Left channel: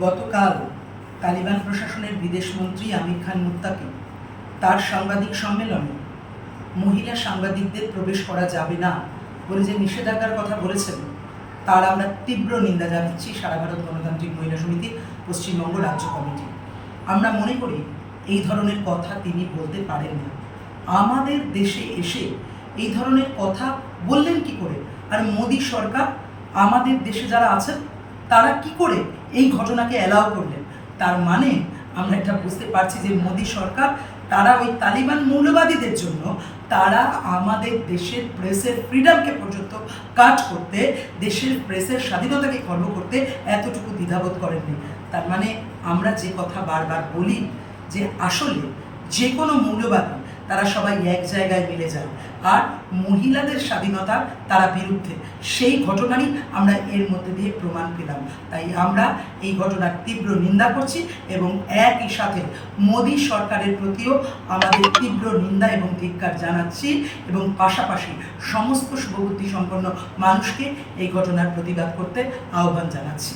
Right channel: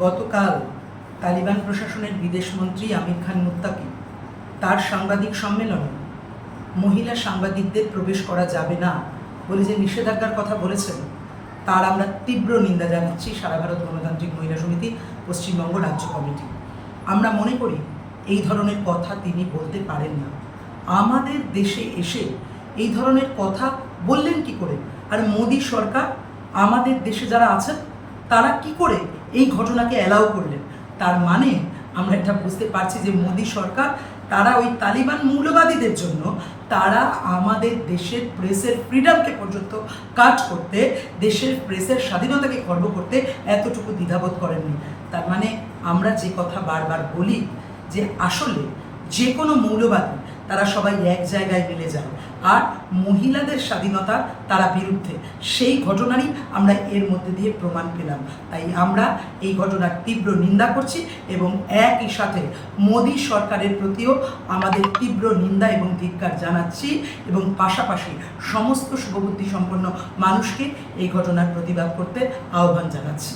গতকাল তালিবান প্রশাসনের বিদেশমন্ত্রী আমির খান মুত্তাকি তার সাংবাদিক সম্মেলনে মহিলা সাংবাদিকদের প্রবেশ করা যাবে না বলে যে নিষেধাজ্ঞার কথা বলেছেন, তার আমরা তীব্র নিন্দা জানাচ্ছি সারা ভারত গণতান্ত্রিক মহিলা সমিতি, পশ্চিমবঙ্গ রাজ্য কমিটি। আমরা মনে করি এই ধরনের কথা তিনি বলতে পারেন না। আমাদের দেশে এসে এই ধরনের কথা বললেন কি করে? আর মোদী সরকার, আমাদের দেশে যারা আছেন, তারা কি করে এই ঘটনাকে অ্যালাউ করলেন। তার মানে আমরা এটা বুঝতে পারছি যে মোদী সরকার, তারা ওই তালিবান মৌলবাদীদের জন্য তারা আমাদের দেশের প্রেসের ফ্রিডমকে পর্যন্ত কাজ করতে, দেশের প্রেসের স্বাধীনতাকে খর্ব করতে এতটুকু দ্বিধাবোধ করেননি। তার মানে আমরা যে কথা বারবার বলি যে আসলে যে কোনো মৌলবাদী তারা সবাই এক জায়গায় মিলে যায়। আর মহিলাদের স্বাধীনতার তারা বিরুদ্ধে। সেই ঘটনারই আমরা এর মধ্যে দিয়ে প্রমাণ পেলাম। তাই আমরা এই ঘটনার তীব্র নিন্দা করছি এবং একই সাথে মোদী সরকারের প্রতিও আমাদের তীব্র নিন্দা এবং ধিক্কার জানাচ্ছি এবং পাশাপাশি সমস্ত শুভবুদ্ধি সম্পন্ন মানুষকে এই ঘটনার প্রতিবাদ করতে আহ্বান জানাচ্ছি।